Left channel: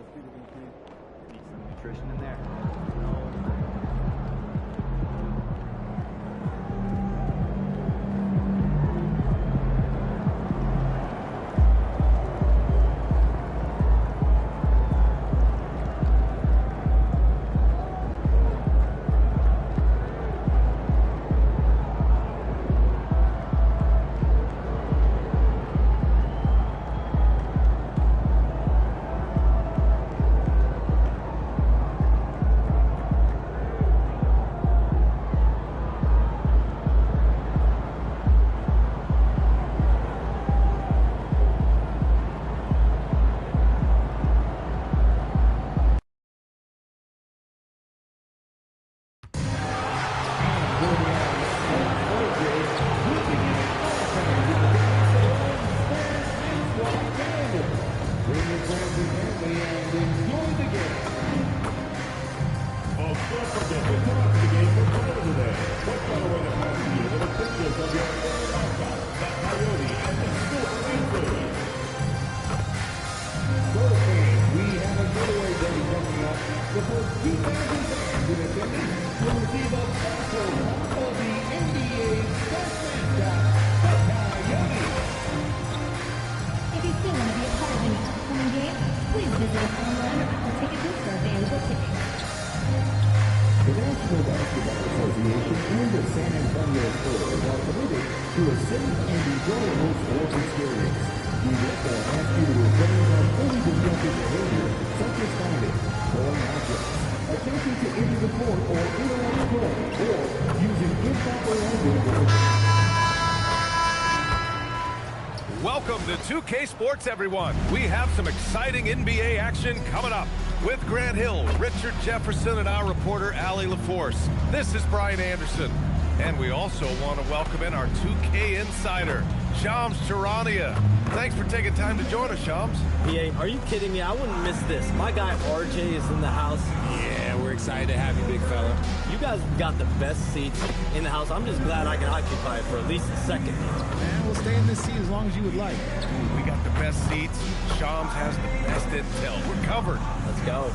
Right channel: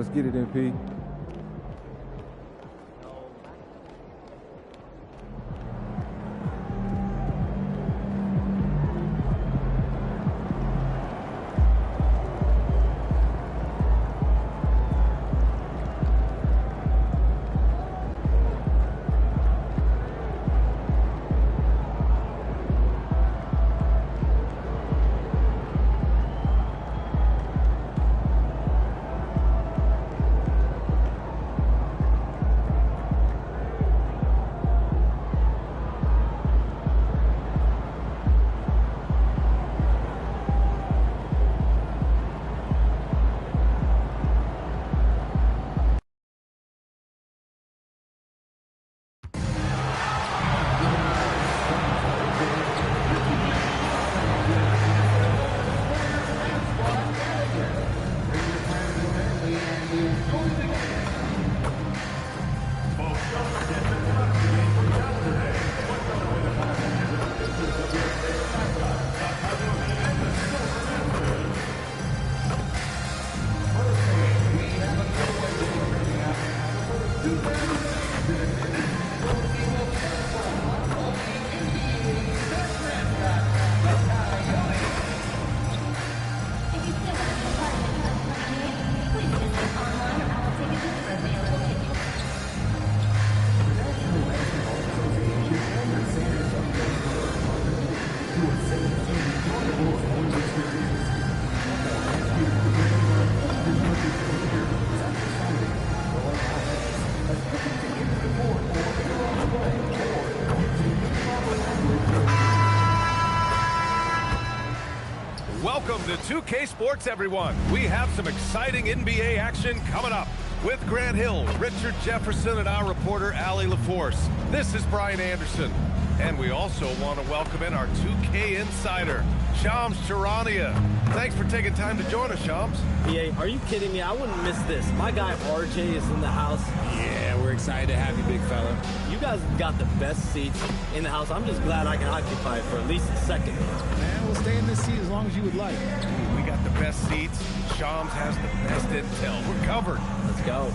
Let's get it, MP. Welcome to 2K Sports, everyone. We have some exciting NBA action coming up with Grant Hill, Richard Jefferson, and our reporter, Allie LaForce. This is Brian Anderson. And we also want to welcome in our 2K insider, Shams Charania. Thanks for taking time to join us, Shams. PA, are you kidding me? I wouldn't miss this. My guy RJ is in the house. Yeah, we're excited to have you, big fella. You guys got the best seats in the house. I'm just glad I can occupy it for at least a second. Man, we'll stay in this seat as long as you would like. Ooh, we got the best seats. Shams has the best intel. We're covered. Let's go.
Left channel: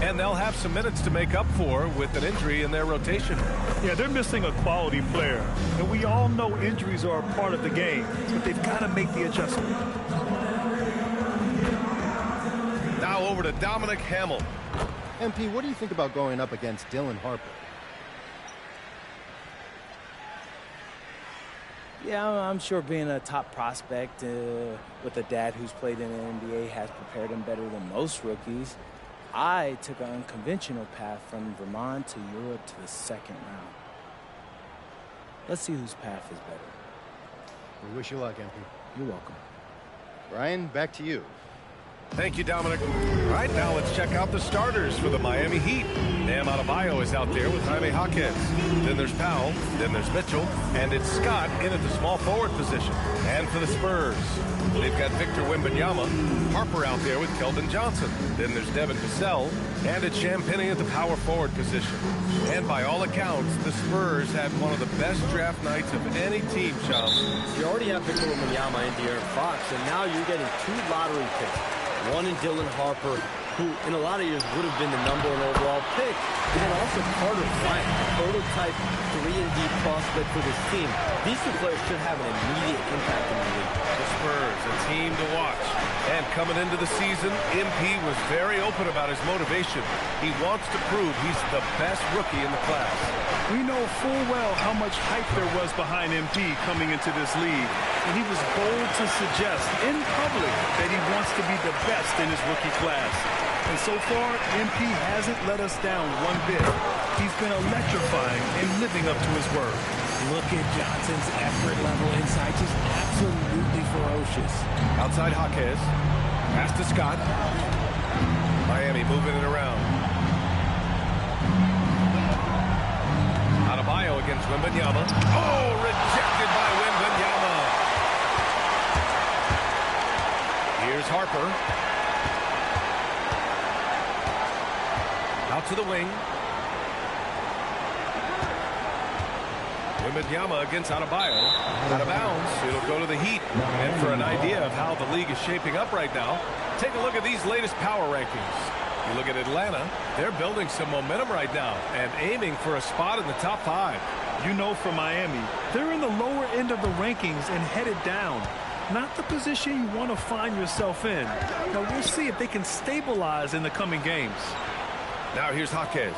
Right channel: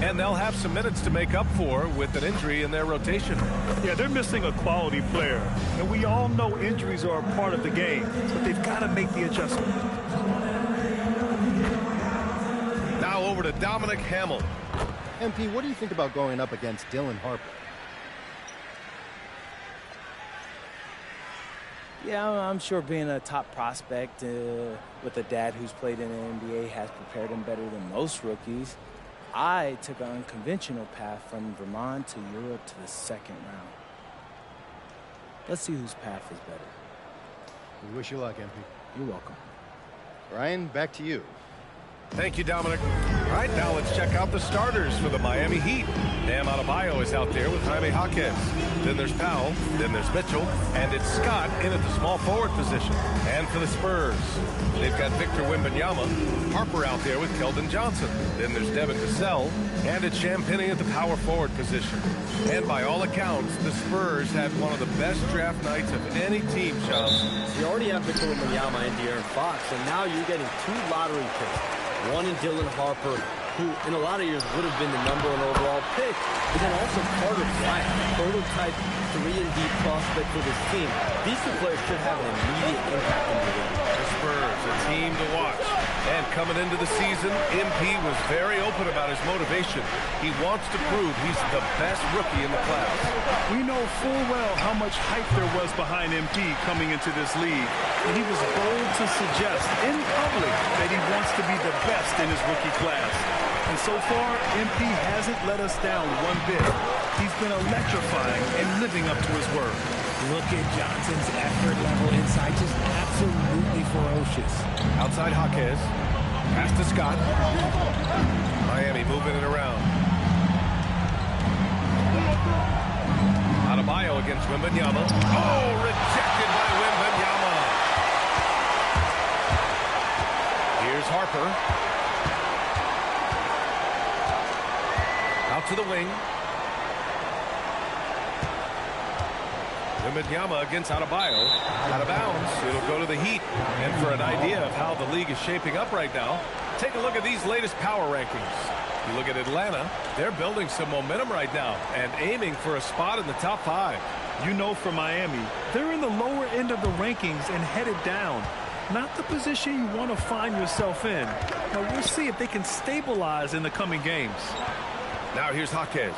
And they'll have some minutes to make up for with an injury in their rotation. Yeah, they're missing a quality player. And we all know injuries are a part of the game, but they've got to make the adjustment. Now over to Dominic Hamill. MP, what do you think about going up against Dylan Harper? Yeah, I'm sure being a top prospect with a dad who's played in the NBA has prepared him better than most rookies. I took an unconventional path from Vermont to Europe to the second round. Let's see whose path is better. We wish you luck, MP. You're welcome. Ryan, back to you. Thank you, Dominic. All right, now let's check out the starters for the Miami Heat. Bam Adebayo is out there with Jaime Jaquez. Then there's Powell, then there's Mitchell, and it's Scott in at the small forward position. And for the Spurs, they've got Victor Wembanyama, Harper out there with Keldon Johnson. Then there's Devin Vassell, and it's Champagnie at the power forward position. And by all accounts, the Spurs had one of the best draft nights of any team, Shams. You already have Victor Wembanyama and De'Aaron Fox, and now you're getting 2 lottery picks. One in Dylan Harper, who in a lot of years would have been the #1 overall pick. And then also Carter Bryant, a prototype 3-and-D prospect for this team. These 2 players should have an immediate impact in the league. The Spurs, a team to watch. And coming into the season, MP was very open about his motivation. He wants to prove he's the best rookie in the class. We know full well how much hype there was behind MP coming into this league. And he was bold to suggest in public that he wants to be the best in his rookie class. And so far, MP hasn't let us down one bit. He's been electrifying and living up to his word. Look at Johnson's effort level inside, just absolutely ferocious. Outside Jaquez, pass to Scott. Miami moving it around. Adebayo against Wembanyama. Oh, rejected by Wembanyama. Here's Harper. Out to the wing. Wembanyama against Adebayo. Out of bounds. It'll go to the Heat. And for an idea of how the league is shaping up right now, Take a look at these latest power rankings. You look at Atlanta, they're building some momentum right now and aiming for a spot in the top 5. You know, for Miami, they're in the lower end of the rankings and headed down. Not the position you want to find yourself in. Now, we'll see if they can stabilize in the coming games. Now here's Jaquez.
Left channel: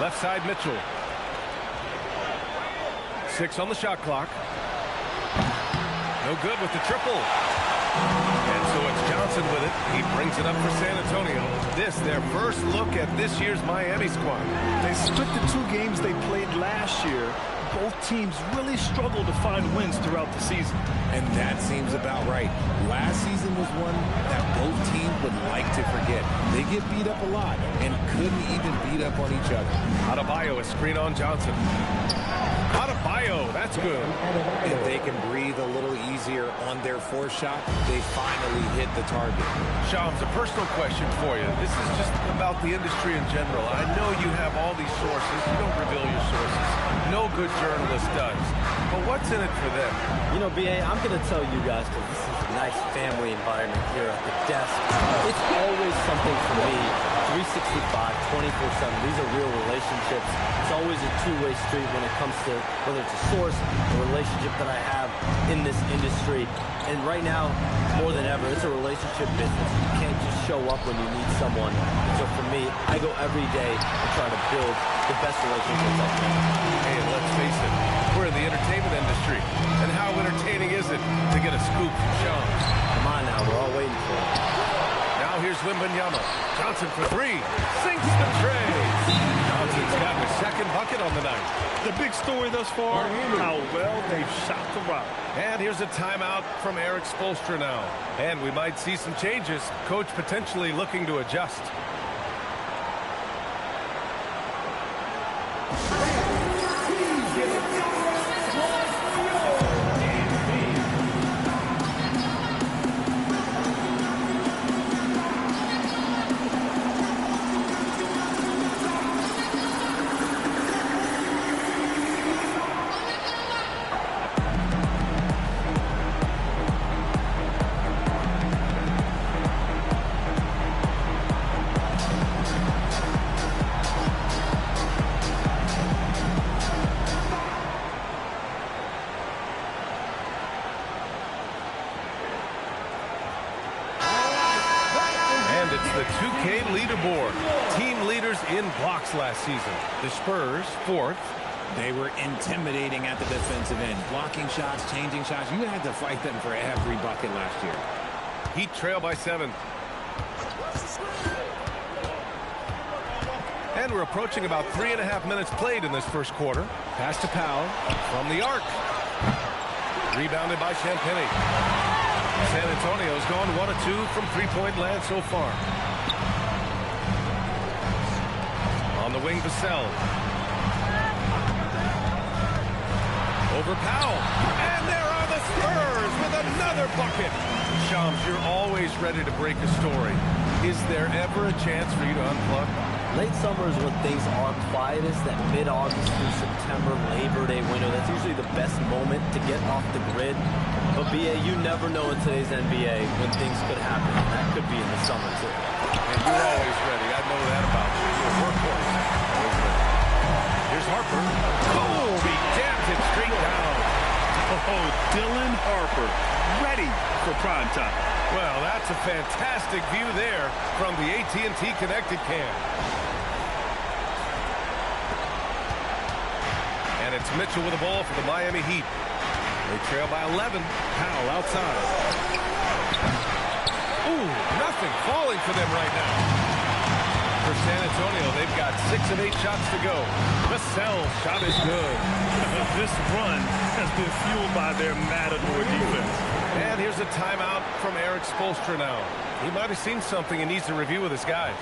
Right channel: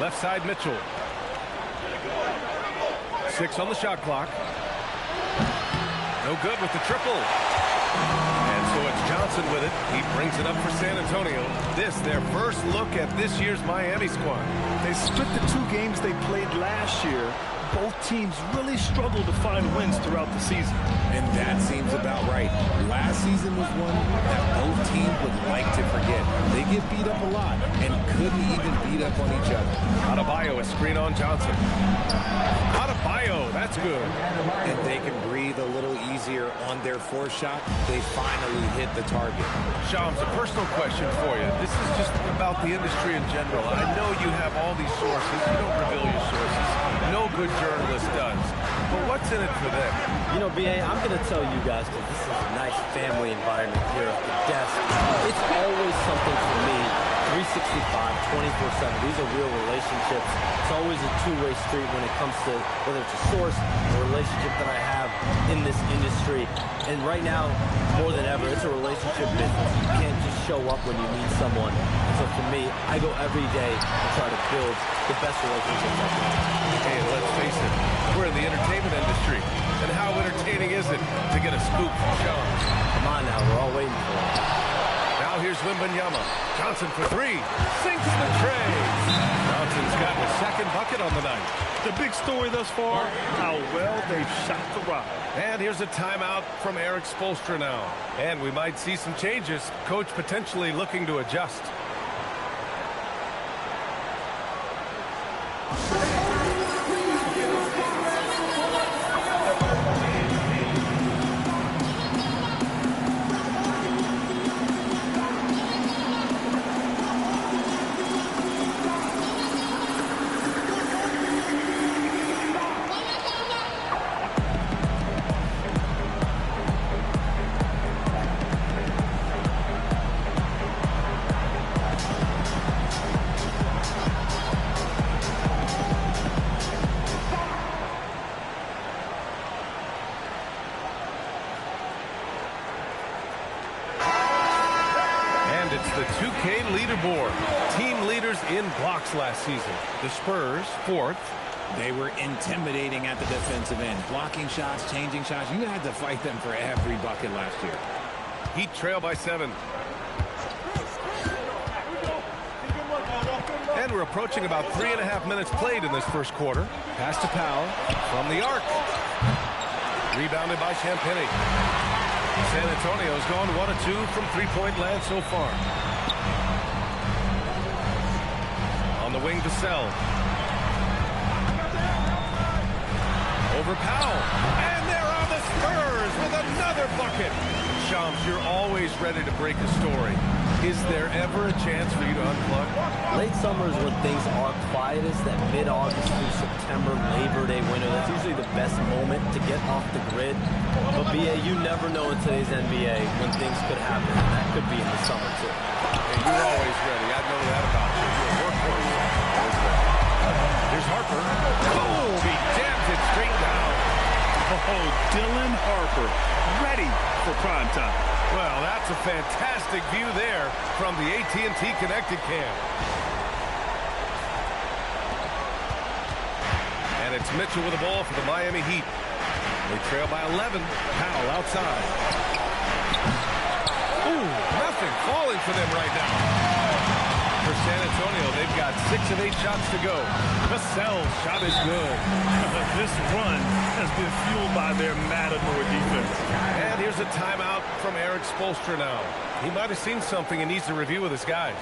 Left side, Mitchell. 6 on the shot clock. No good with the triple. And so it's Johnson with it. He brings it up for San Antonio. This, their first look at this year's Miami squad. They split the 2 games they played last year. Both teams really struggled to find wins throughout the season. And that seems about right. Last season was one that both teams would like to forget. They get beat up a lot and couldn't even beat up on each other. Adebayo, a screen on Johnson. Adebayo, that's good. If they can breathe a little easier on their 4th shot, they finally hit the target. Shams, a personal question for you. This is just about the industry in general. I know you have all these sources. You don't reveal your sources. No good journalist does. But what's in it for them? You know, B.A., I'm going to tell you guys, because this is a nice family environment here at the desk. It's always something for me, 365, 24/7. These are real relationships. It's always a two-way street when it comes to whether it's a source, a relationship that I have in this industry. And right now, more than ever, it's a relationship business. You can't just show up when you need someone. And so for me, I go every day and try to build the best relationships I can. Hey, let's face it, we're in the entertainment industry. And how entertaining is it to get a scoop from Shams? Come on now, we're all waiting for it. Now here's Wembanyama. Johnson for 3. Sinks the tray. Johnson's gotten his 2nd bucket on the night. The big story thus far, how well they've shot the rock. And here's a timeout from Eric Spoelstra now. And we might see some changes. Coach potentially looking to adjust. And it's the 2K leaderboard. Team leaders in blocks last season. The Spurs, 4th. They were intimidating at the defensive end. Blocking shots, changing shots. You had to fight them for every bucket last year. Heat trail by 7. And we're approaching about 3.5 minutes played in this first quarter. Pass to Powell from the arc. Rebounded by Champagnie. San Antonio's gone 1 of 2 from three-point land so far. On the wing, Vassell. Over Powell. And there are the Spurs with another bucket. Shams, you're always ready to break a story. Is there ever a chance for you to unplug? Late summer is when things are quietest, that mid-August through September, Labor Day window. That's usually the best moment to get off the grid. But, B.A., you never know in today's NBA when things could happen. And that could be in the summer, too. And you're always ready. I know that about you. You're a workhorse. Always ready. Here's Harper. Oh, he jams it straight down. Oh, Dylan Harper, ready for prime time. Well, that's a fantastic view there from the AT&T Connected Cam. And it's Mitchell with the ball for the Miami Heat. They trail by 11. Powell outside. Ooh, nothing falling for them right now. For San Antonio, they've got 6 of 8 shots to go. Vassell's shot is good. This run has been fueled by their Matador defense. And here's a timeout from Eric Spoelstra now. He might have seen something and needs to review with his guys.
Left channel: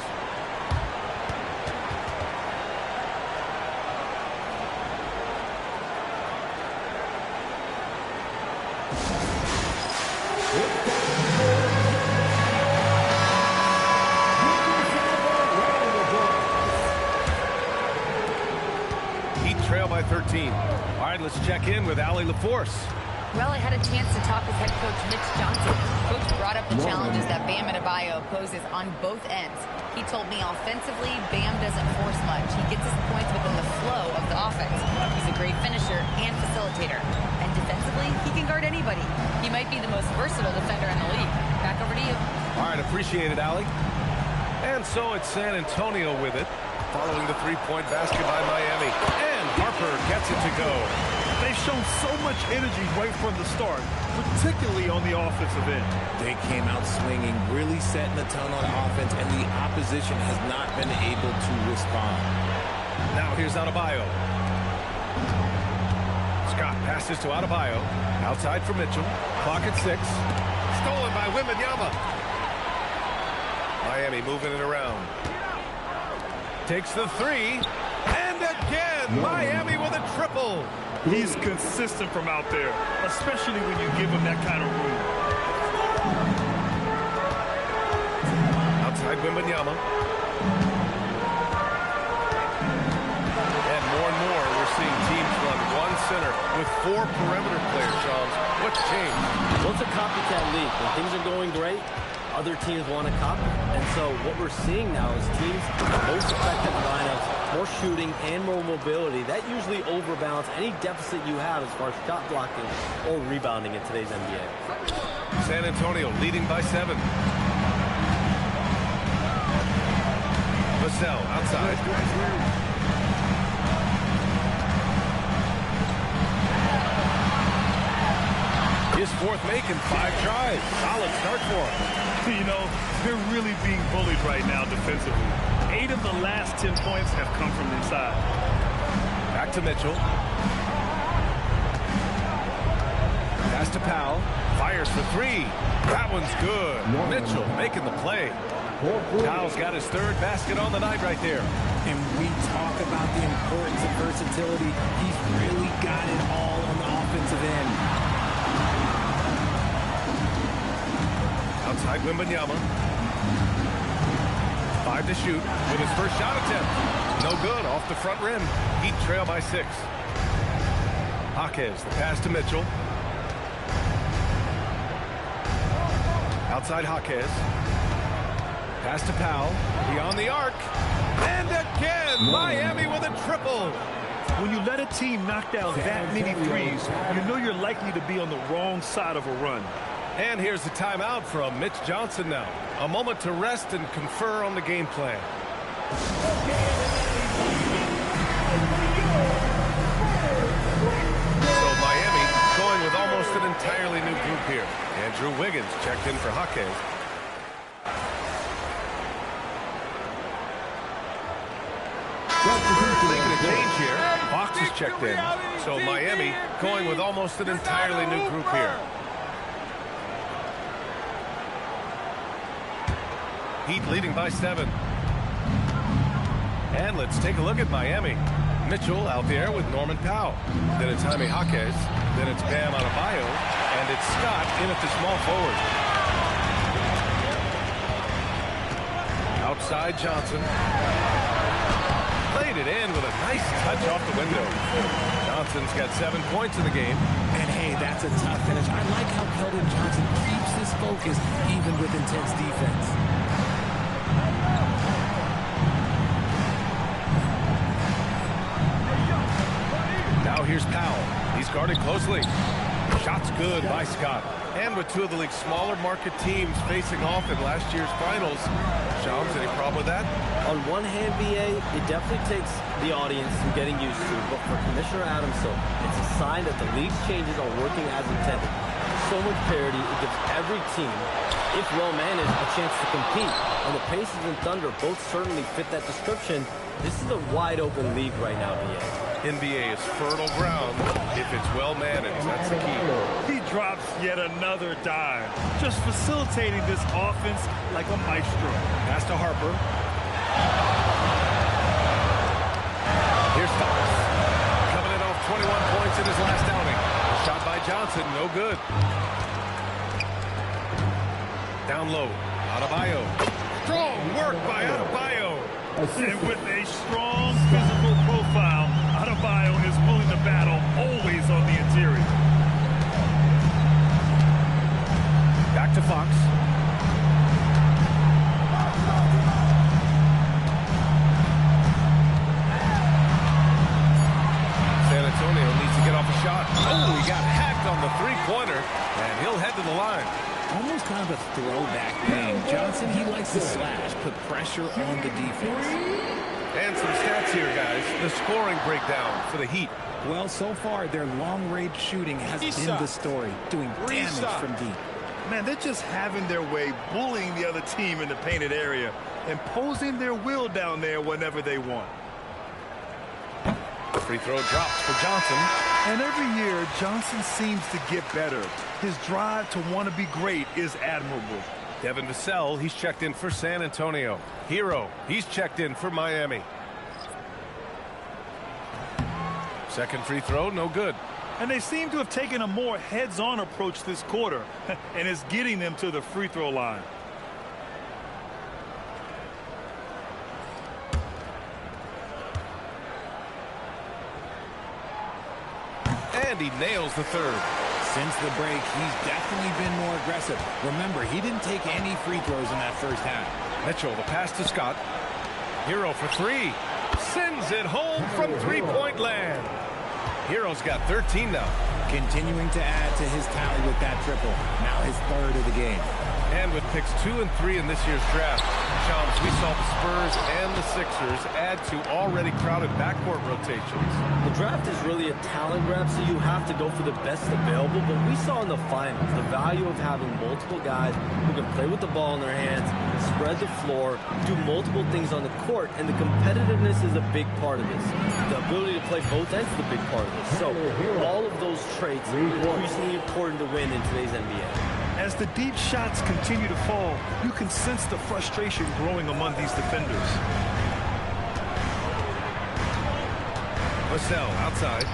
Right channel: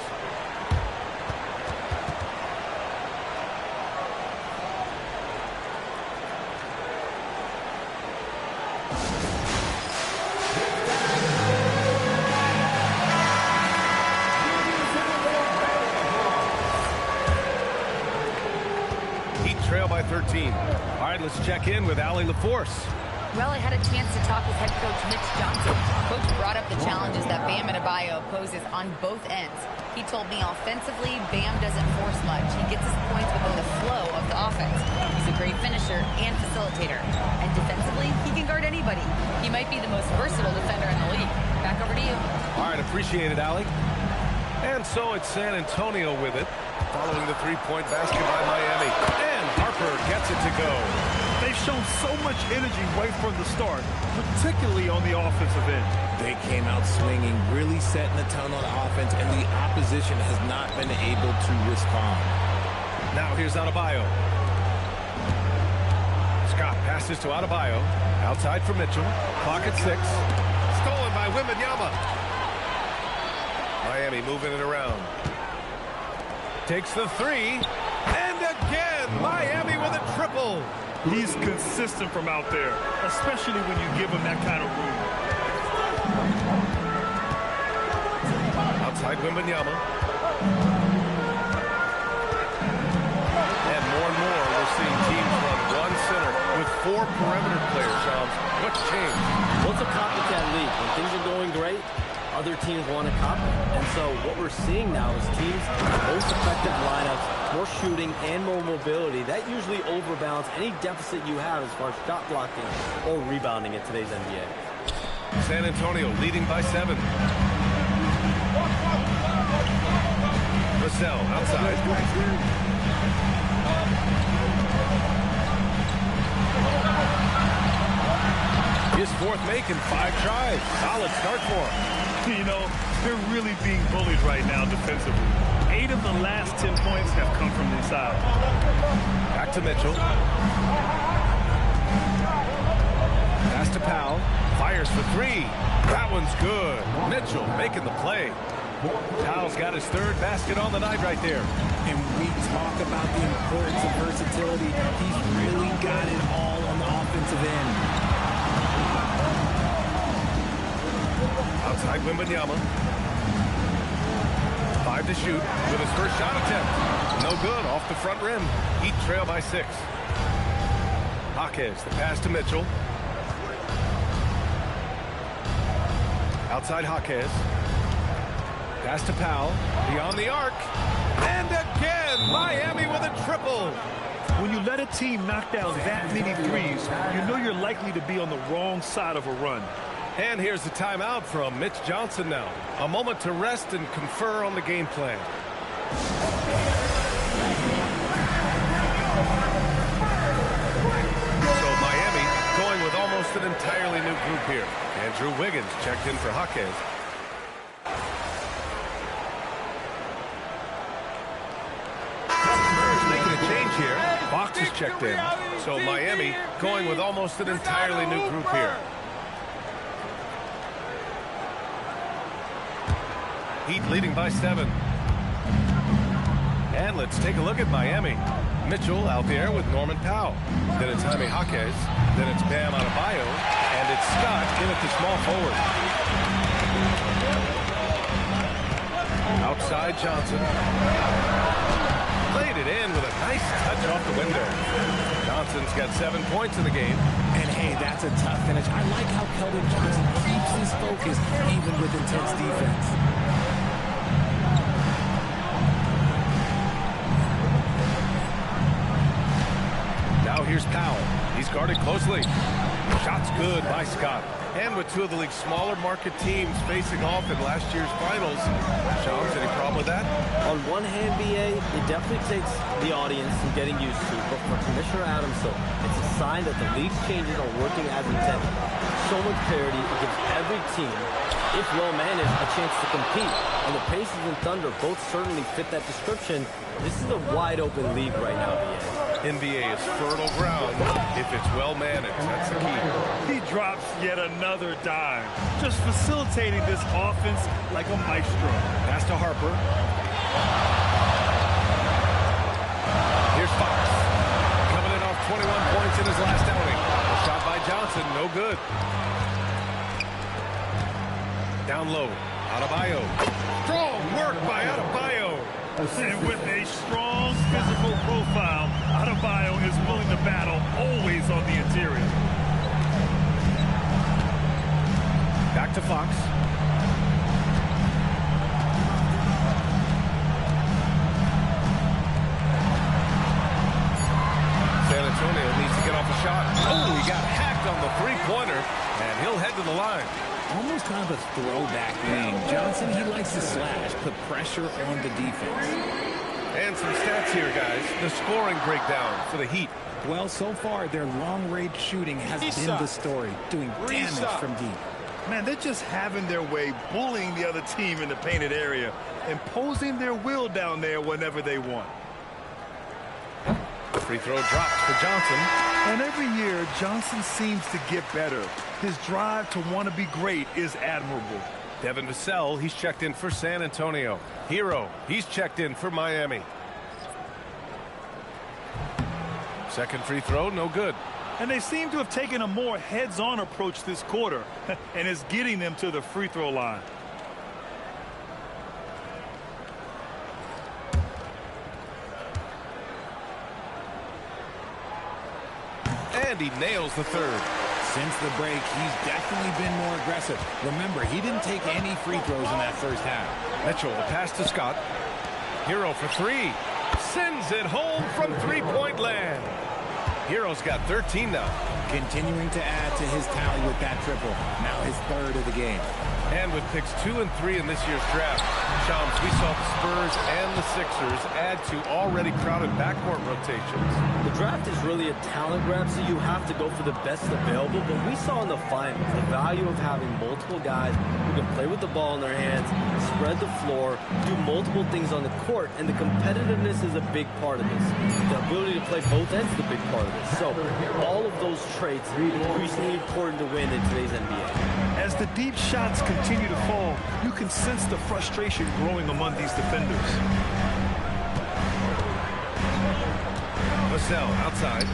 Trail by 13. All right, let's check in with Allie LaForce. Well, I had a chance to talk with head coach Mitch Johnson. Coach brought up the challenges that Bam Adebayo poses on both ends. He told me offensively, Bam doesn't force much. He gets his points within the flow of the offense. He's a great finisher and facilitator. And defensively, he can guard anybody. He might be the most versatile defender in the league. Back over to you. All right, appreciate it, Allie. And so it's San Antonio with it, following the three-point basket by Miami. And Harper gets it to go. They've shown so much energy right from the start, particularly on the offensive end. They came out swinging, really setting the tone on offense, and the opposition has not been able to respond. Now here's Adebayo. Scott passes to Adebayo. Outside for Mitchell. Clock at 6. Stolen by Wembanyama. Miami moving it around. Takes the 3. And again, Miami with a triple. He's consistent from out there, especially when you give him that kind of room. Outside Wembanyama. And more, we're seeing teams run one center with 4 perimeter players, Shams. What's changed? Well, it's a copycat league. When things are going great, other teams want to copy. And so what we're seeing now is teams with most effective lineups, more shooting, and more mobility. That usually overbalances any deficit you have as far as shot blocking or rebounding in today's NBA. San Antonio leading by 7. Vassell outside. His 4th make in 5 tries. Solid start for him. You know, they're really being bullied right now defensively. 8 of the last 10 points have come from inside. Back to Mitchell. Pass to Powell. Fires for 3. That one's good. Mitchell making the play. Powell's got his 3rd basket on the night right there. And we talk about the importance of versatility. He's really got it all on the offensive end. Outside Wembanyama. 5 to shoot with his first shot attempt. No good, off the front rim. Heat trail by 6. Jaquez, the pass to Mitchell. Outside Jaquez. Pass to Powell. Beyond the arc. And again, Miami with a triple. When you let a team knock down that many threes, you know you're likely to be on the wrong side of a run. And here's the timeout from Mitch Johnson now. A moment to rest and confer on the game plan. So Miami going with almost an entirely new group here. Andrew Wiggins checked in for Jaquez. Making a change here. Fox is checked in. So Miami going with almost an entirely new group here. Heat leading by 7. And let's take a look at Miami. Mitchell out there with Norman Powell. Then it's Jaime Jaquez. Then it's Bam Adebayo. And it's Scott in at the small forward. Outside Johnson. Played it in with a nice touch off the window. Johnson's got 7 points in the game. And hey, that's a tough finish. I like how Keldon Johnson keeps his focus even with intense defense. Now here's Powell. He's guarded closely. Shot's good by Scott. And with 2 of the league's smaller market teams facing off in last year's finals, Shams, any problem with that? On one hand, BA, it definitely takes the audience some getting used to, but for Commissioner Adam Silver, it's a sign that the league's changes are working as intended. So much parity, it gives every team, if well managed, a chance to compete. And the Pacers and Thunder both certainly fit that description. This is a wide open league right now, BA. NBA is fertile ground if it's well managed. That's the key. He drops yet another dime, just facilitating this offense like a maestro. Pass to Harper. Here's Fox. Coming in off 21 points in his last outing. A shot by Johnson, no good. Down low, Adebayo. Strong work by Adebayo. And with a strong physical profile, Adebayo is willing to battle always on the interior. Back to Fox. San Antonio needs to get off a shot. Oh, he got hacked on the three-pointer, and he'll head to the line. Almost kind of a throwback game. Johnson, he likes to slash, put pressure on the defense. And some stats here, guys. The scoring breakdown for the Heat. Well, so far, their long-range shooting has been the story, doing damage from deep. Man, they're just having their way, bullying the other team in the painted area, imposing their will down there whenever they want. Free throw drops for Johnson. And every year, Johnson seems to get better. His drive to want to be great is admirable. Devin Vassell, he's checked in for San Antonio. Hero, he's checked in for Miami. Second free throw, no good. And they seem to have taken a more heads-on approach this quarter, and it's getting them to the free throw line. And he nails the third. Since the break, he's definitely been more aggressive. Remember, he didn't take any free throws in that first half. Mitchell, the pass to Scott. Hero for three. Sends it home from three-point land. Hero's got 13 now. Continuing to add to his tally with that triple. Now his third of the game. And with picks 2 and 3 in this year's draft, Shams, we saw the Spurs and the Sixers add to already crowded backcourt rotations. The draft is really a talent grab, so you have to go for the best available. But we saw in the finals the value of having multiple guys who can play with the ball in their hands, spread the floor, do multiple things on the court, and the competitiveness is a big part of this. The ability to play both ends is a big part of this. So all of those traits are increasingly important to win in today's NBA. As the deep shots continue to fall, you can sense the frustration growing among these defenders. Vassell outside.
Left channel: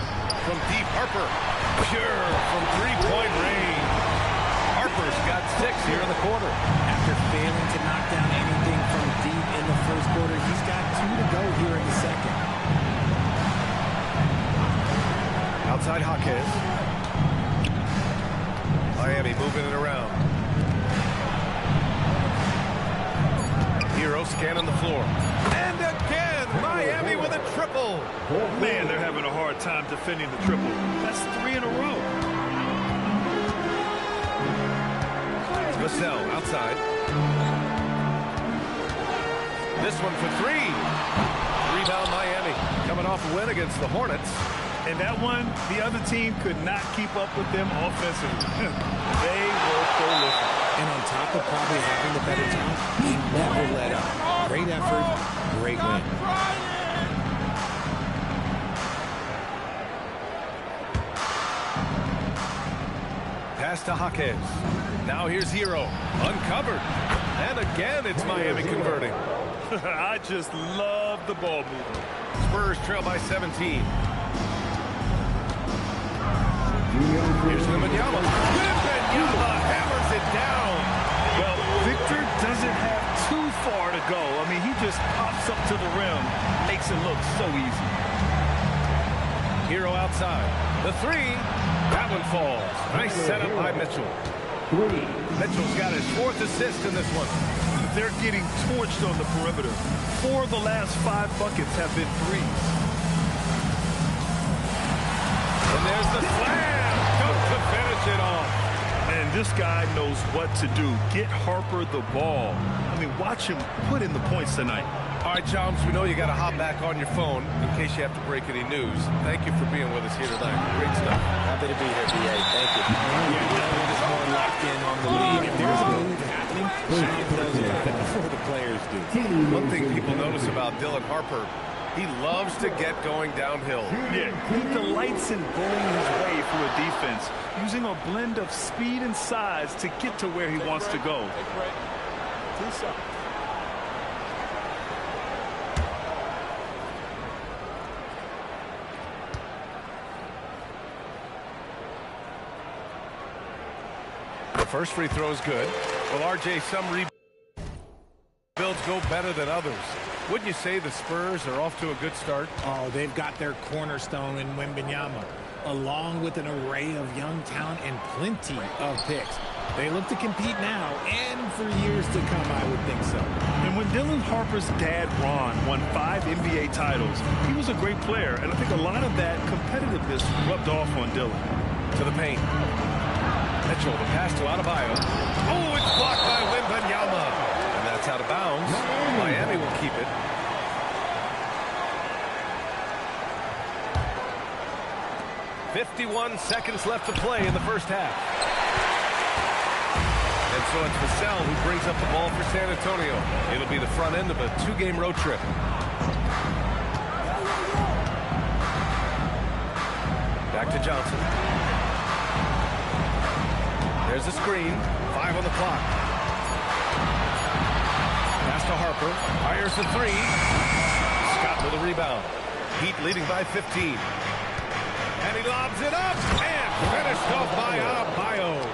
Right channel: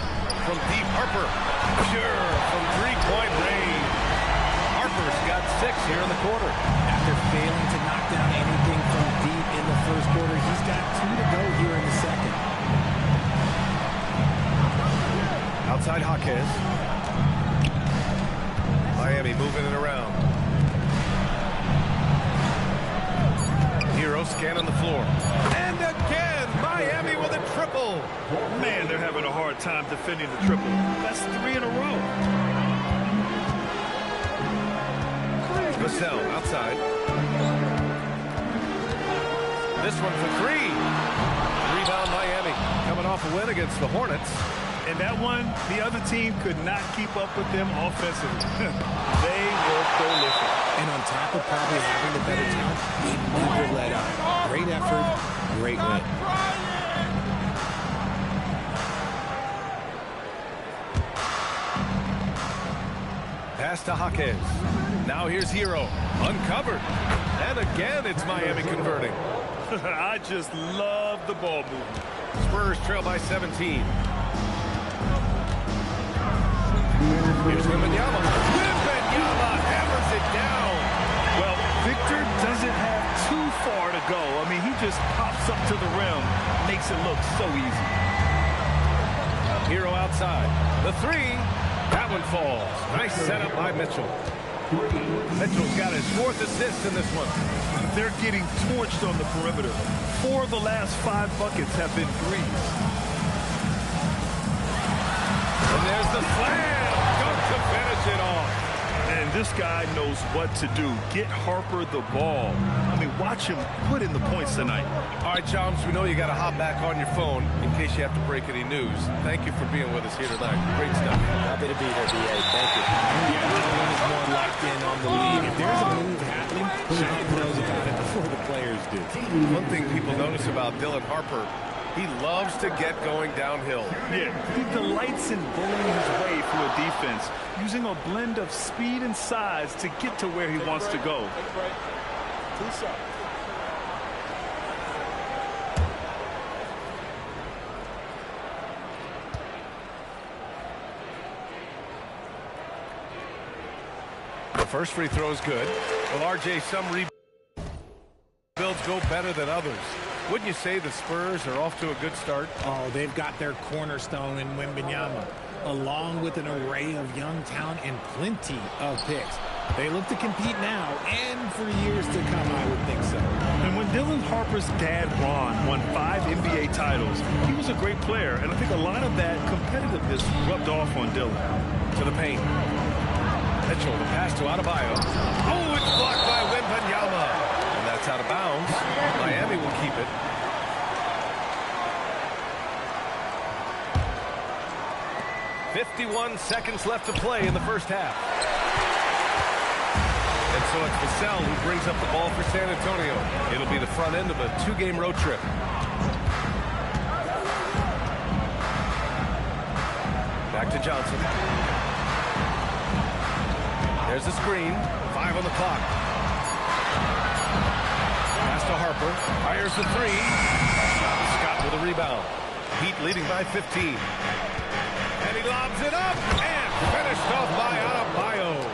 From deep, Harper. Pure from three-point range. Harper's got 6 here in the quarter. After failing to knock down anything from deep in the first quarter, he's got 2 to go here in the second. Outside Jaquez. Miami moving it around. Hero scanning the floor. And again, Miami with a triple. Man, they're having a hard time defending the triple. That's 3 in a row. Vassell outside. This one for 3. Rebound Miami. Coming off a win against the Hornets. And that one, the other team could not keep up with them offensively. They were prolific. And on top of probably having the better talent, they never let up. Great effort, great win. Pass to Jaquez. Now here's Hero. Uncovered. And again, it's Miami converting. I just love the ball movement. Spurs trail by 17. Here's Wembanyama. Wembanyama hammers it down. Well, Victor doesn't have too far to go. I mean, he just pops up to the rim, makes it look so easy. Hero outside. The 3. That one falls. Nice setup by Mitchell. Mitchell's got his 4th assist in this one. They're getting torched on the perimeter. 4 of the last 5 buckets have been threes. And there's the slam. Dunk to finish it off. And this guy knows what to do. Get Harper the ball. I mean, watch him put in the points tonight. All right, Joms, we know you got to hop back on your phone in case you have to break any news. Thank you for being with us here tonight. Great stuff. Happy to be here, B.A. Thank you. Yeah, no one is more locked in on the league. If there's a move happening, Shams knows about it before the players do. One thing people notice about Dylan Harper, he loves to get going downhill. Yeah, he delights in bullying his way through a defense, using a blend of speed and size to get to where he wants to go. Take a break. 2 shots. The first free throw is good. Well, RJ, some rebuilds go better than others. Wouldn't you say the Spurs are off to a good start? Oh, they've got their cornerstone in Wembanyama, along with an array of young talent and plenty of picks. They look to compete now and for years to come, I would think so. And when Dylan Harper's dad, Ron, won 5 NBA titles, he was a great player, and I think a lot of that competitiveness rubbed off on Dylan. To the paint. Mitchell, the pass to Adebayo. Oh, it's blocked by Wembanyama. And that's out of bounds. Miami will keep it. "51 seconds left to play in the first half." And so it's Vassell who brings up the ball for San Antonio. It'll be the front end of a 2-game road trip. Back to Johnson. There's the screen. 5 on the clock. Pass to Harper. Fires the 3. Scott with a rebound. Heat leading by 15. And he lobs it up and finished off by Adebayo.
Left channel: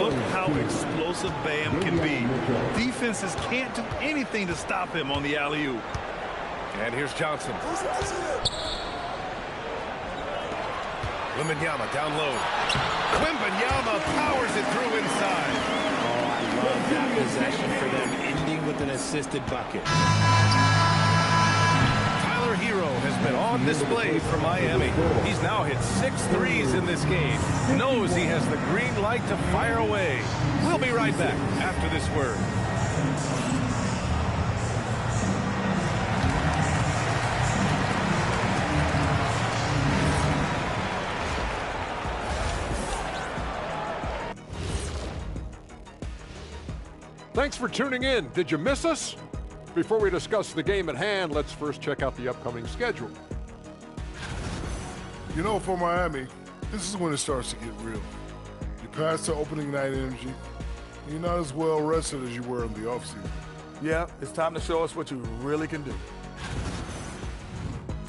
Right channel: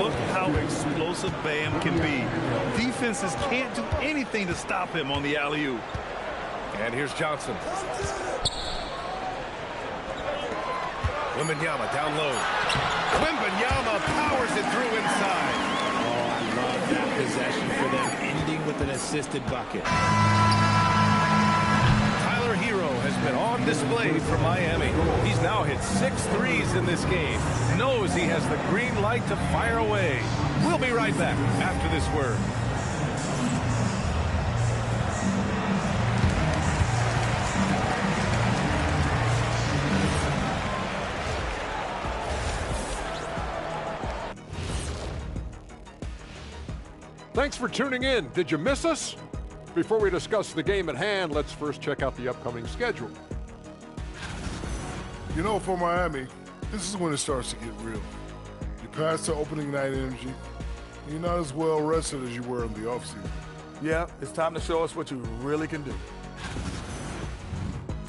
Look how explosive Bam can be. Defenses can't do anything to stop him on the alley-oop. And here's Johnson. Wembanyama down low. Wembanyama powers it through inside. Oh, I love that possession for them, ending with an assisted bucket. Tyler Hero has been on display for Miami. He's now hit 6 threes in this game. Knows he has the green light to fire away. We'll be right back after this word. Thanks for tuning in. Did you miss us? Before we discuss the game at hand, let's first check out the upcoming schedule. You know, for Miami, this is when it starts to get real. You pass the opening night energy, and you're not as well rested as you were in the offseason. Yeah, it's time to show us what you really can do.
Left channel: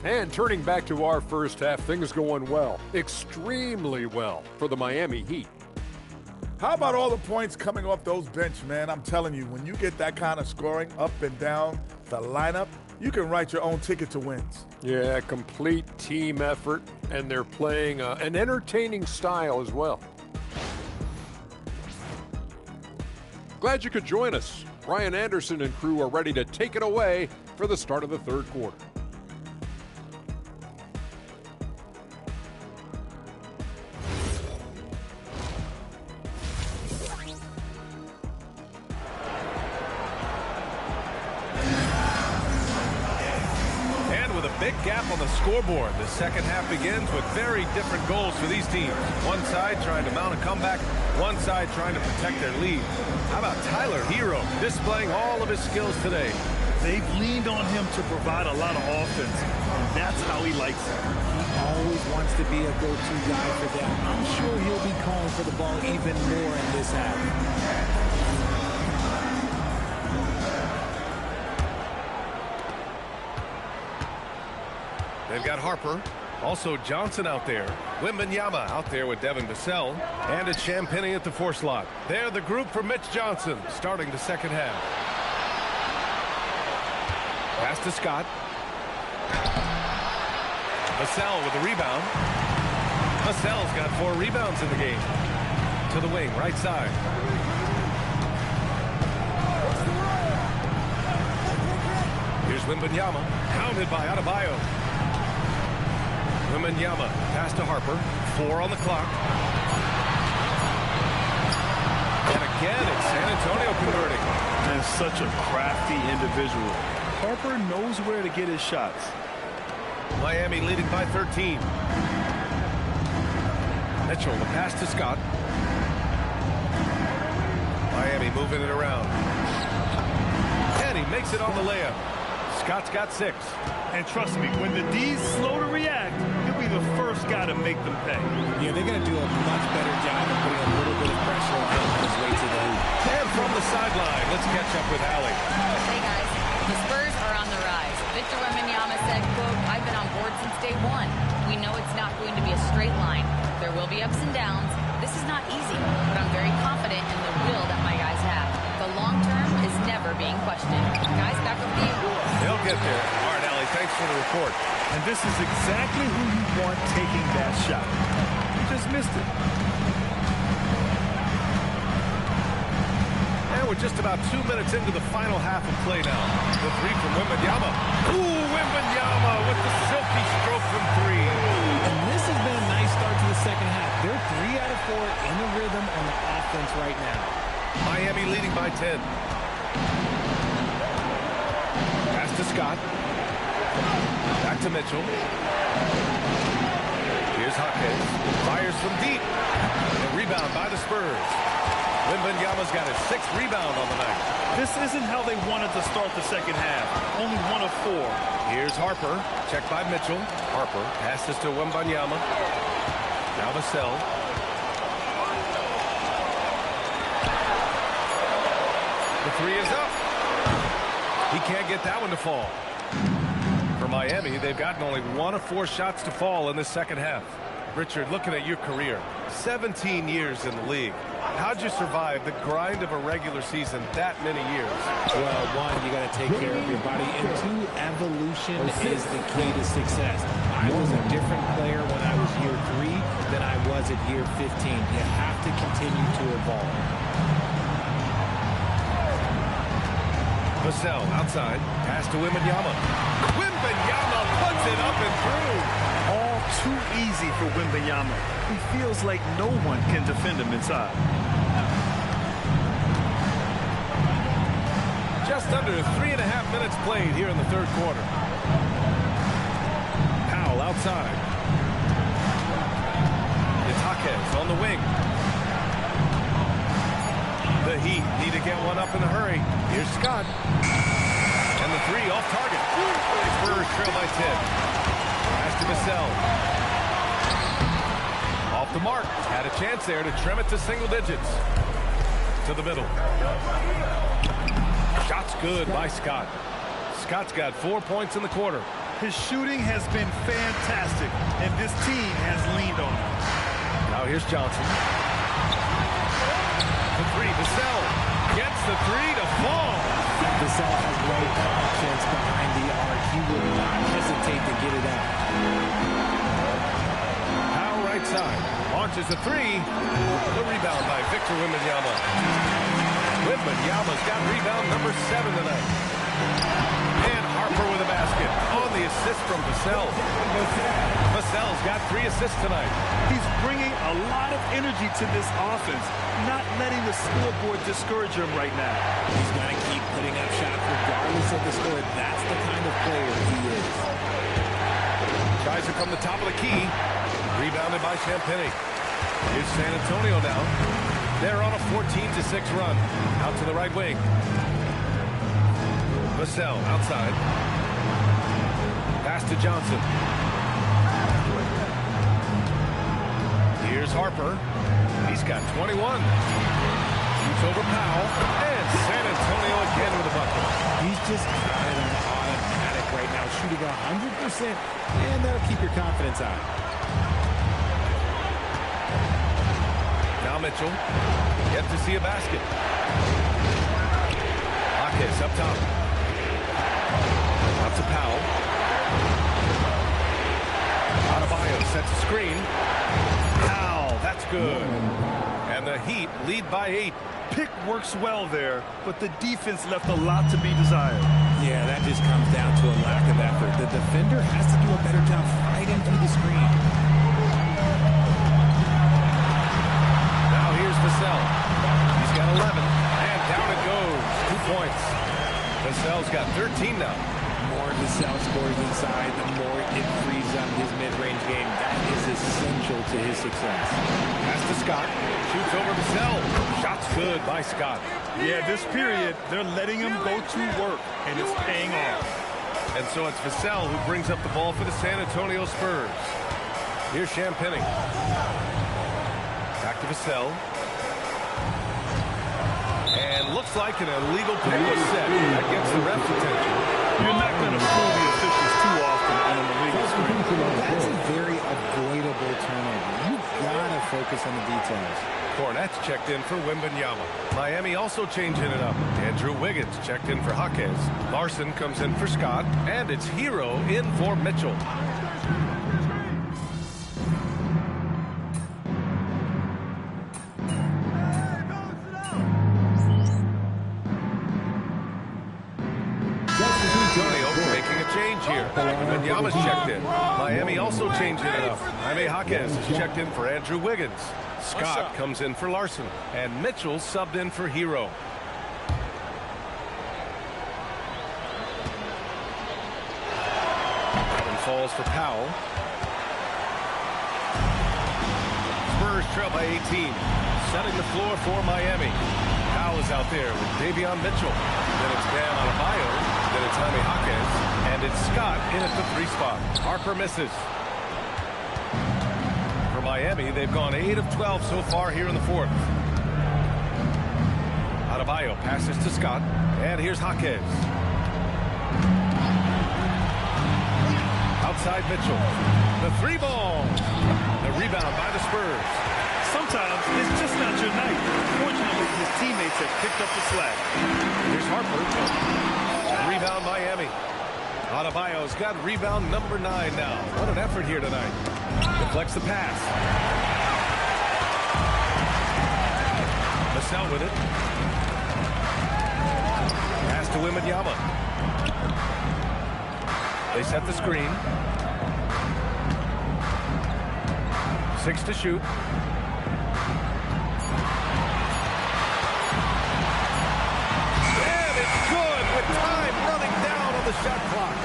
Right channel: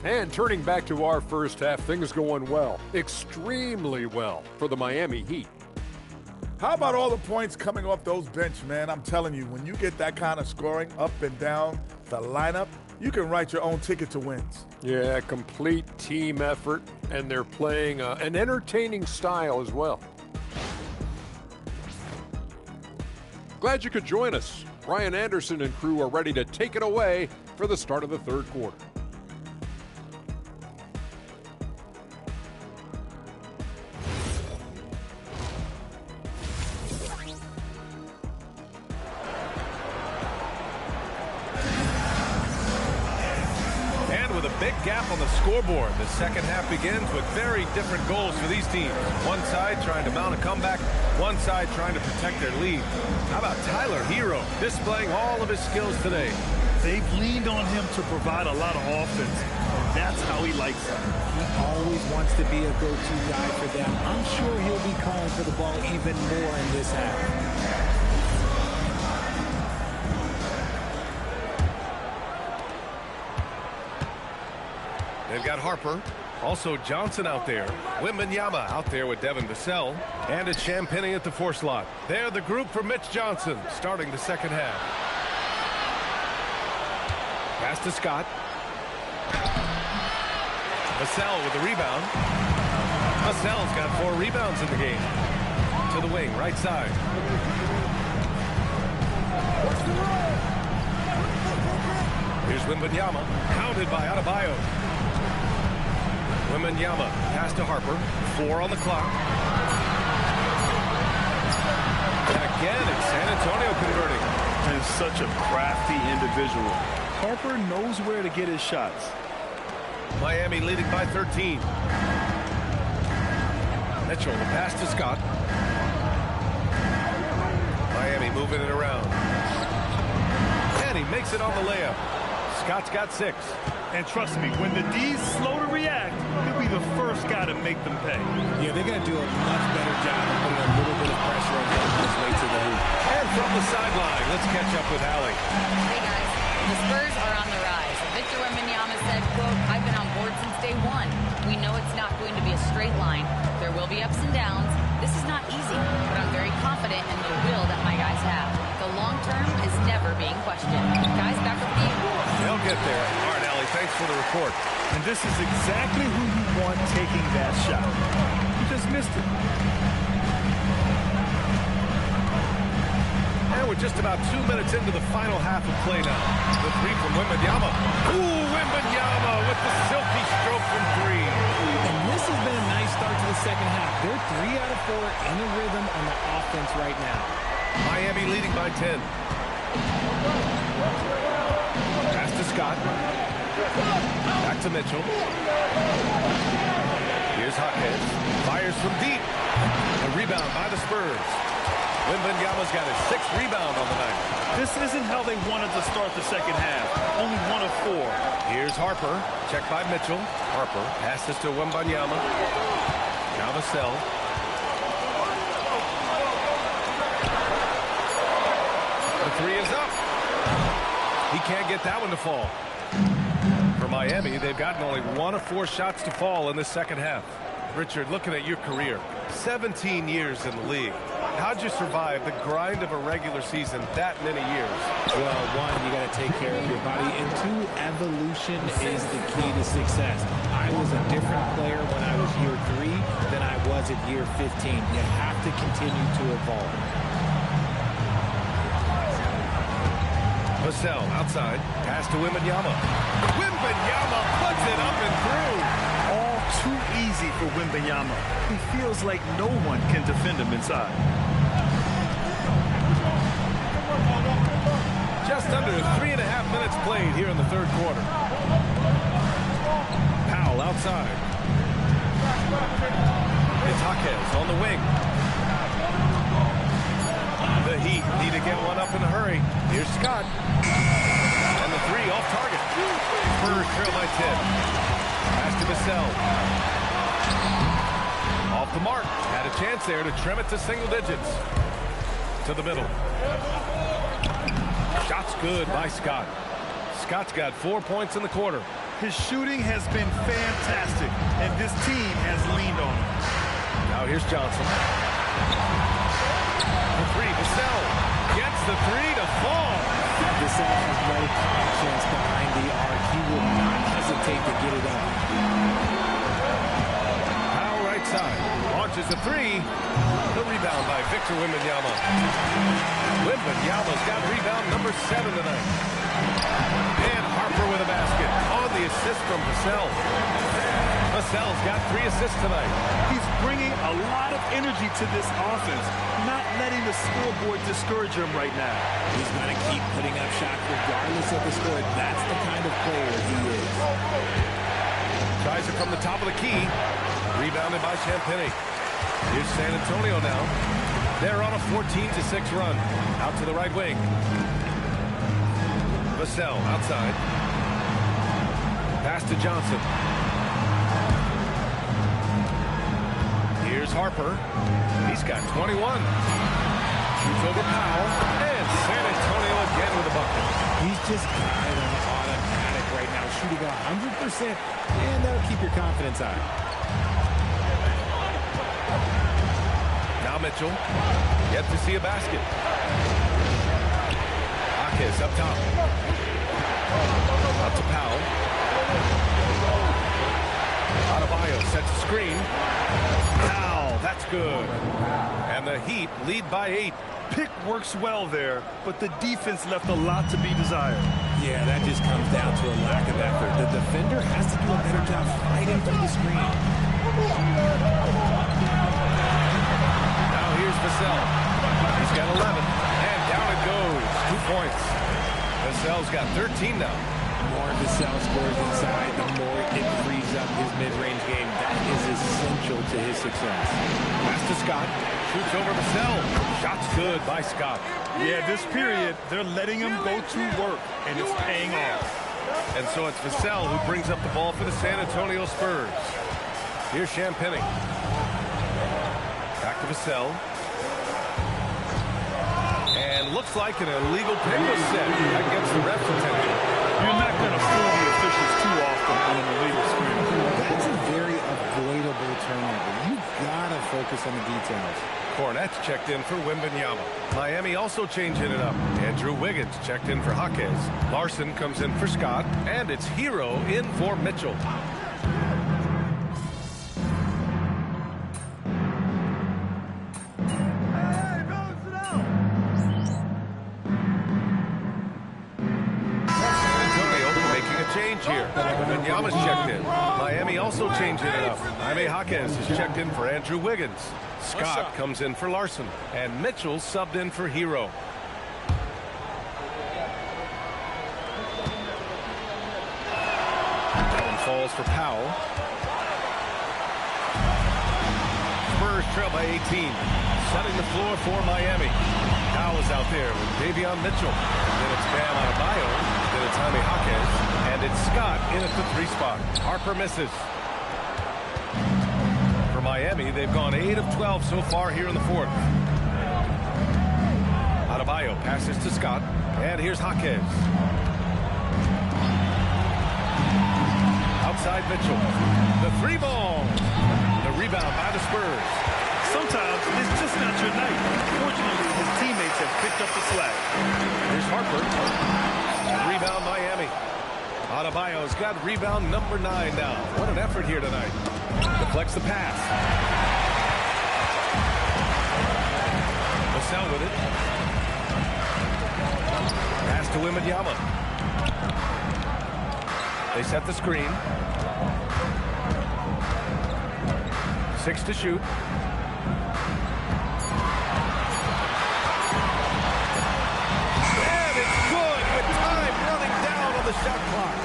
And turning back to our first half, things going well, extremely well for the Miami Heat. How about all the points coming off those bench, man? I'm telling you, when you get that kind of scoring up and down the lineup, you can write your own ticket to wins. Yeah, complete team effort, and they're playing an entertaining style as well. Glad you could join us. Ryan Anderson and crew are ready to take it away for the start of the third quarter. Big gap on the scoreboard. The second half begins with very different goals for these teams. One side trying to mount a comeback, one side trying to protect their lead. How about Tyler Hero displaying all of his skills today? They've leaned on him to provide a lot of offense, and that's how he likes it. He always wants to be a go-to guy for them. I'm sure he'll be calling for the ball even more in this half. They've got Harper. Also Johnson out there. Wembanyama out there with Devin Vassell. And it's Champagnie at the 4 slot. They're the group for Mitch Johnson starting the second half. Pass to Scott. Vassell with the rebound. Vassell's got 4 rebounds in the game. To the wing, right side. Here's Wembanyama. Pounded by Adebayo. Wembanyama, pass to Harper. 4 on the clock. And again, it's San Antonio converting. And such a crafty individual. Harper knows where to get his shots. Miami leading by 13. Mitchell, the pass to Scott. Miami moving it around. And he makes it on the layup. Scott's got 6. And trust me, when the D's slow to react, he'll be the first guy to make them pay. Yeah, they're going to do a much better job of putting a little bit of pressure on him on his way to the hoop. And from the sideline, let's catch up with Allie. Hey, guys. The Spurs are on the rise. Victor Wembanyama said, quote, "I've been on board since day one. We know it's not going to be a straight line. There will be ups and downs. This is not easy, but I'm very confident in the will that my guys have. The long term is never being questioned." Guys, back over to you. They'll get there. All right, Allie, thanks for the report. And this is exactly who you want taking that shot. You just missed it. And we're just about 2 minutes into the final half of play now. The three from Wembanyama. Ooh, Wembanyama with the silky stroke from three. And this has been a nice start to the second half. They're 3 out of 4 in a rhythm on the offense right now. Miami leading by 10. Pass to Scott. Back to Mitchell. Here's Jaquez. Fires from deep. A rebound by the Spurs. Wembanyama's got his 6th rebound on the night. This isn't how they wanted to start the second half. Only 1 of 4. Here's Harper. Checked by Mitchell. Harper passes to Wembanyama. Now Vassell. The three is up. He can't get that one to fall. For Miami, they've gotten only 1 of 4 shots to fall in the second half. Richard, looking at your career, 17 years in the league. How'd you survive the grind of a regular season that many years? Well, 1, you got to take care of your body, and 2, evolution is the key to success. I was a different player when I was year 3 than I was at year 15. You have to continue to evolve. Vassell outside. Pass to Wembanyama. Wembanyama puts it up and through. All too easy for Wembanyama. He feels like no one can defend him inside. Just under 3.5 minutes played here in the third quarter. Powell outside. It's Jaquez on the wing. The Heat need to get one up in a hurry. Here's Scott. And the three off target. Spurs trail by 10. Pass to Vassell. Off the mark. Had a chance there to trim it to single digits. To the middle. Shot's good by Scott. Scott's got 4 points in the quarter. His shooting has been fantastic, and this team has leaned on him. Now here's Johnson. The three, Vassell gets the three to fall. Vassell has no conscience behind the arc. He will not hesitate to get it up. Powell right side. Launches the three. The rebound by Victor Wembanyama. Wembanyama's got rebound number 7 tonight. And Harper with a basket on the assist from Vassell. Vassell's got 3 assists tonight. He's bringing a lot of energy to this offense, not letting the scoreboard discourage him right now. He's going to keep putting up shots regardless of the score. That's the kind of player he is. Tries it from the top of the key. Rebounded by Champagnie. Here's San Antonio now. They're on a 14-6 run. Out to the right wing. Vassell outside. Pass to Johnson. Here's Harper. He's got 21. Shoots over Powell. And San Antonio again with a bucket. He's just got it on automatic right now, shooting 100%, and that'll keep your confidence high. Now Mitchell. Yet to see a basket. Jaquez up top. Out to Powell. Adebayo sets a screen. Powell, that's good. And the Heat lead by 8. Pick works well there, but the defense left a lot to be desired. Yeah, that just comes down to a lack of effort. The defender has to do a better job fighting through the screen. Now here's Vassell. He's got 11, and down it goes. 2 points. Vassell's got 13 now. More Vassell scores inside, the more it frees up his mid-range game. That is essential to his success. Pass to Scott. Shoots over Vassell. Shot's good by Scott. Yeah, this period, they're letting him go to work, and it's paying off. And so it's Vassell who brings up the ball for the San Antonio Spurs. Here's Champagnie. Back to Vassell. And looks like an illegal pick was set. That gets the ref's attention. You're not going to fool the officials too often on an illegal screen. That's a very avoidable turnover. You got to focus on the details. Cornette's checked in for Wembanyama. Miami also changing it up. Andrew Wiggins checked in for Jaquez. Larson comes in for Scott. And it's Hero in for Mitchell. change here. Wembanyama's checked in. Miami also changing it up. Jaime Jaquez is checked in for Andrew Wiggins. Scott comes in for Larson. And Mitchell subbed in for Hero. That one falls for Powell. Spurs trail by 18. Setting the floor for Miami. Powell is out there with Davion Mitchell. Then it's Bam Adebayo. Then it's Jaime Jaquez. And it's Scott in at the 3 spot. Harper misses. For Miami, they've gone 8 of 12 so far here in the 4th. Adebayo passes to Scott. And here's Jaquez. Outside Mitchell. The 3-ball. The rebound by the Spurs. Sometimes it's just not your night. Fortunately, his teammates have picked up the slack. Here's Harper. Rebound Miami. Adebayo's got rebound number 9 now. What an effort here tonight. Deflects the pass. Vassell with it. Pass to Wembanyama. They set the screen. 6 to shoot. With time running down on the shot clock.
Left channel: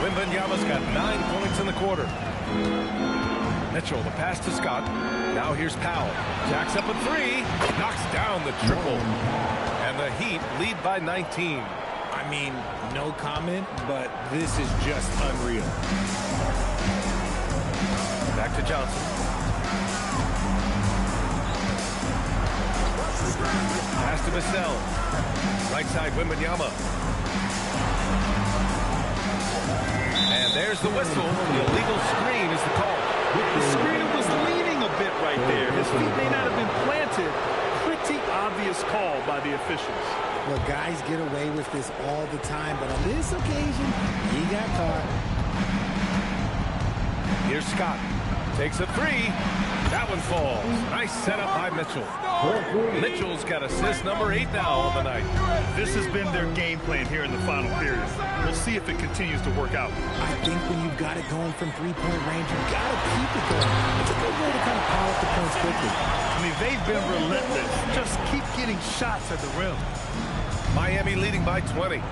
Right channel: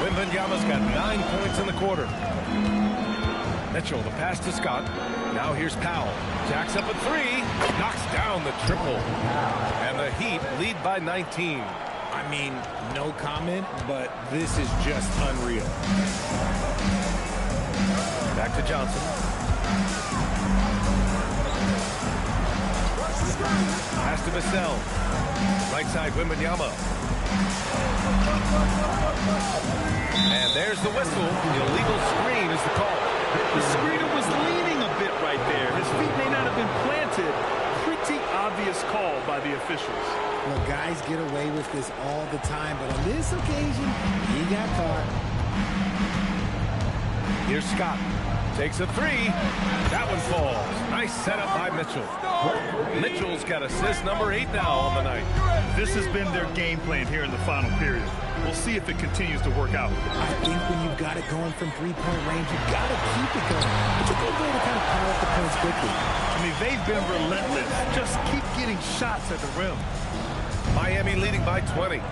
Wembanyama's got 9 points in the quarter. Mitchell, the pass to Scott. Now here's Powell. Jacks up a 3. Knocks down the triple. And the Heat lead by 19. I mean, no comment, but this is just unreal. Back to Johnson. Pass to Vassell. Right side, Wembanyama. And there's the whistle. The illegal screen is the call. The screener was leaning a bit right there. His feet may not have been planted. Pretty obvious call by the officials. Look, guys get away with this all the time, but on this occasion, he got caught. Here's Scott. Takes a 3. That one falls. Nice setup by Mitchell. Mitchell's got assist number 8 now on the night. This has been their game plan here in the final period. We'll see if it continues to work out. I think when you've got it going from 3-point range, you've got to keep it going. It's a good way to kind of pile up the points quickly. I mean, they've been relentless. Just keep getting shots at the rim. Miami leading by 20.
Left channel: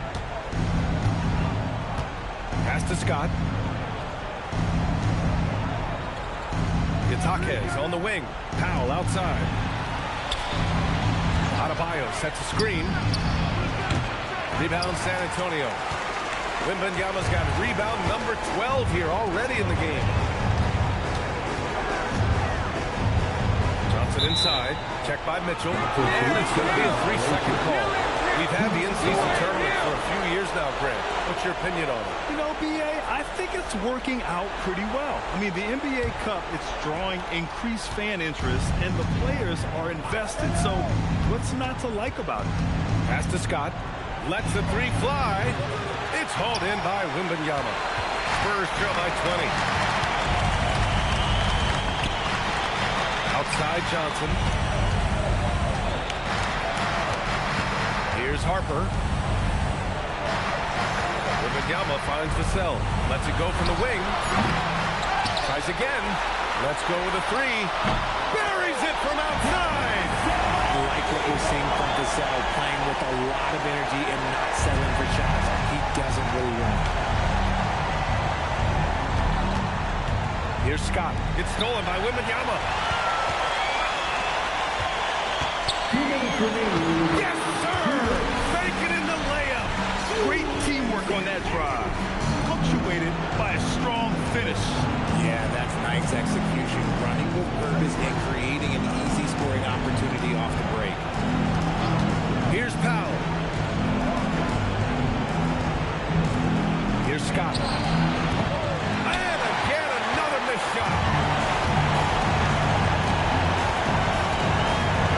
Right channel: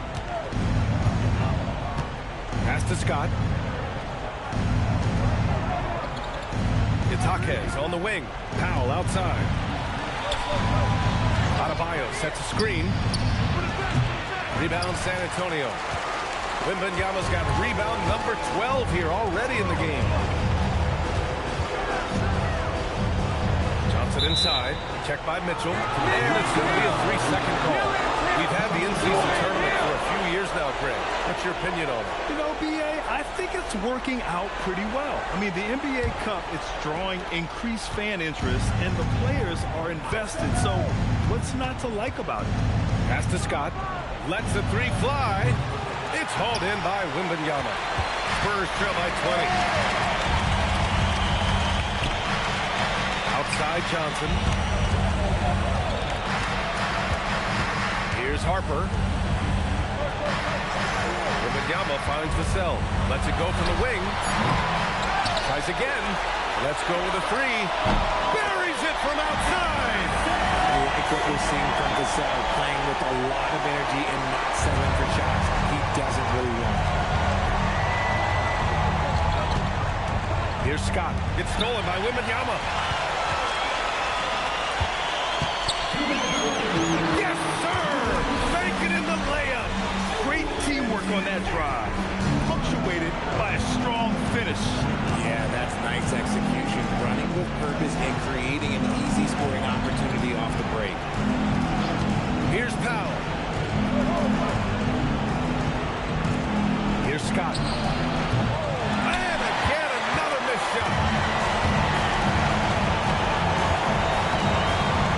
Pass to Scott. It's Jaquez on the wing. Powell outside. Adebayo sets a screen. Rebound San Antonio. Wembanyama's got rebound number 12 here already in the game. Johnson inside. Checked by Mitchell. And it's going to be a 3-second call. We've had the in-season tournament for a few years now, Greg. What's your opinion on it? You know, B.A., I think it's working out pretty well. I mean, the NBA Cup, it's drawing increased fan interest, and the players are invested. So what's not to like about it? Pass to Scott. Lets the 3 fly. It's hauled in by Wembanyama. Spurs trail by 20. Outside Johnson. Here's Harper. Wembanyama finds Vassell. Lets it go from the wing. Tries again. Let's go with a 3. Buries it from outside. I like what we're seeing from Vassell, playing with a lot of energy and not settling for shots he doesn't really want. Here's Scott. It's stolen by Wembanyama. Yes, sir! Fake it in the layup. Great teamwork on that drive. Punctuated by a strong finish. Yeah, that's nice execution. Running with purpose and creating an easy scoring opportunity off the break. Here's Powell. Here's Scott. And again, another missed shot.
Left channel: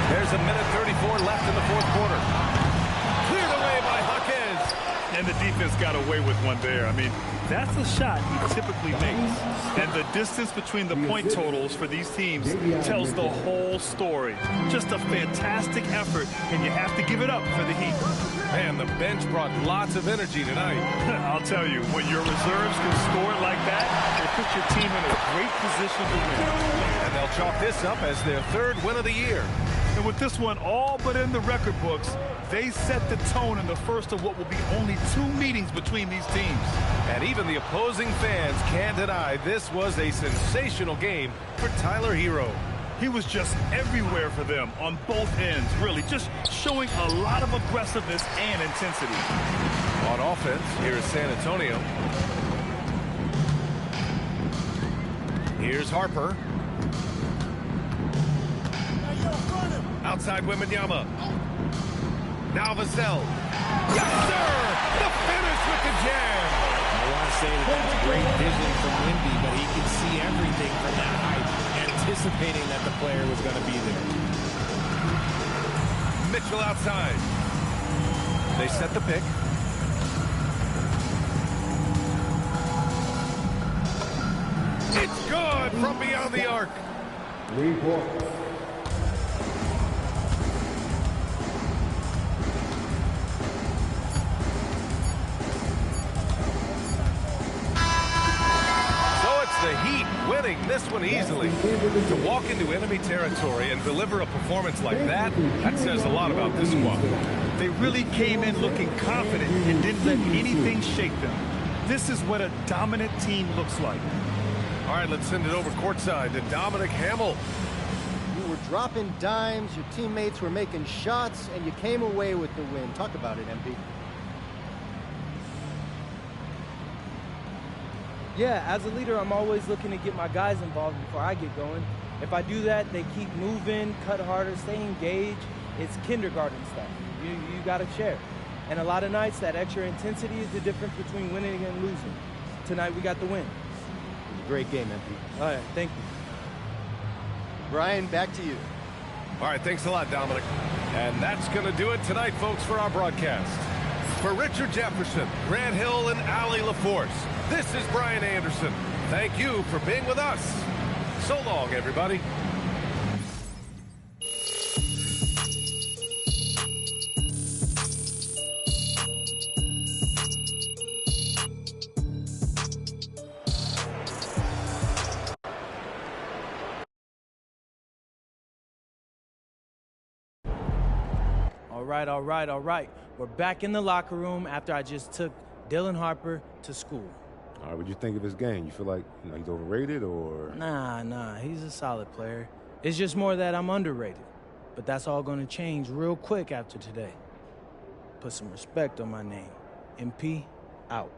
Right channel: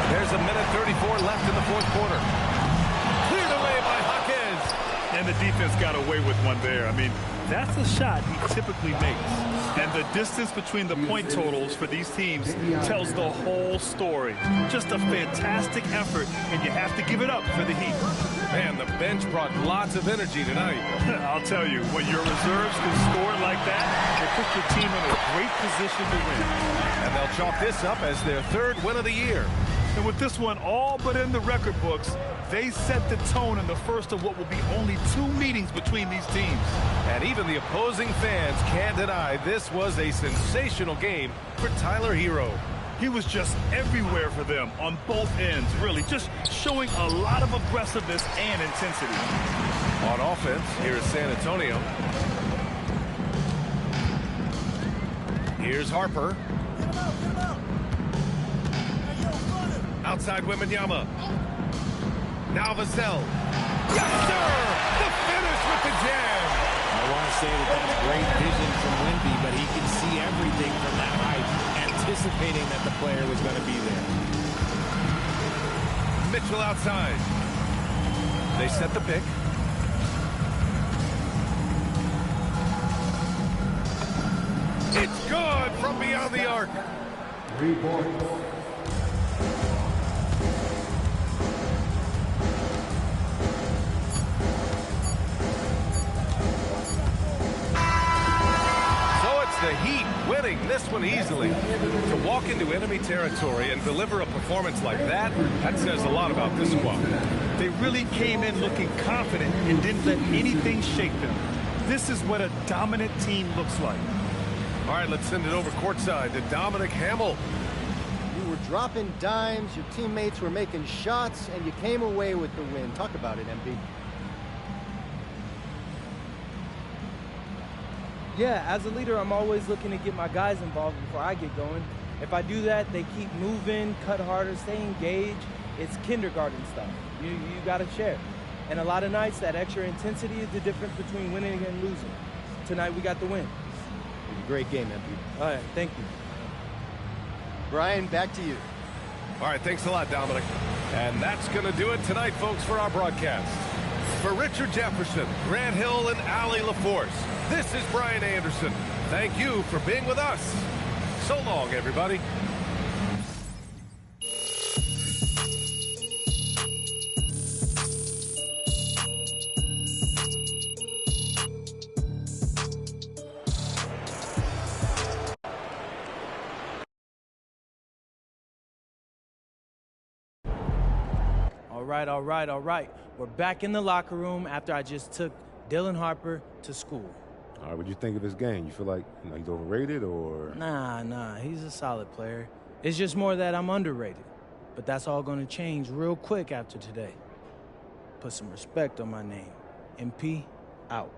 There's a minute 34 left in the 4th quarter. Cleared away by Jaquez. And the defense got away with one there. I mean, that's a shot he typically makes. And the distance between the point totals for these teams tells the whole story. Just a fantastic effort, and you have to give it up for the Heat. Man, the bench brought lots of energy tonight. I'll tell you, when your reserves can score like that, it puts your team in a great position to win. And they'll chalk this up as their 3rd win of the year. And with this one all but in the record books, they set the tone in the first of what will be only 2 meetings between these teams. And even the opposing fans can't deny this was a sensational game for Tyler Hero. He was just everywhere for them on both ends, really, just showing a lot of aggressiveness and intensity. On offense, here is San Antonio. Here's Harper. Outside Wembanyama. Now Vassell. Yes, sir! The finish with the jam! I want to say that that's great vision from Wemby, but he can see everything from that height, anticipating that the player was going to be there. Mitchell outside. They set the pick. It's good from beyond the arc. 3 points. The Heat winning this one easily. To walk into enemy territory and deliver a performance like that, that says a lot about this squad. They really came in looking confident and didn't let anything shake them. This is what a dominant team looks like. All right, let's send it over courtside to Dominic Hamill. You were dropping dimes, your teammates were making shots, and you came away with the win. Talk about it, MP. Yeah, as a leader, I'm always looking to get my guys involved before I get going. If I do that, they keep moving, cut harder, stay engaged. It's kindergarten stuff. You got to share. And a lot of nights, that extra intensity is the difference between winning and losing. Tonight, we got the win. It was a great game, MP. All right, thank you. Brian, back to you. All right, thanks a lot, Dominic. And that's going to do it tonight, folks, for our broadcast. For Richard Jefferson, Grant Hill, and Allie LaForce, this is Brian Anderson. Thank you for being with us. So long, everybody. All right. We're back in the locker room after I just took Dylan Harper to school. All right, what do you think of his game? You feel like he's overrated or? Nah, he's a solid player. It's just more that I'm underrated. But that's all going to change real quick after today. Put some respect on my name. MP, out.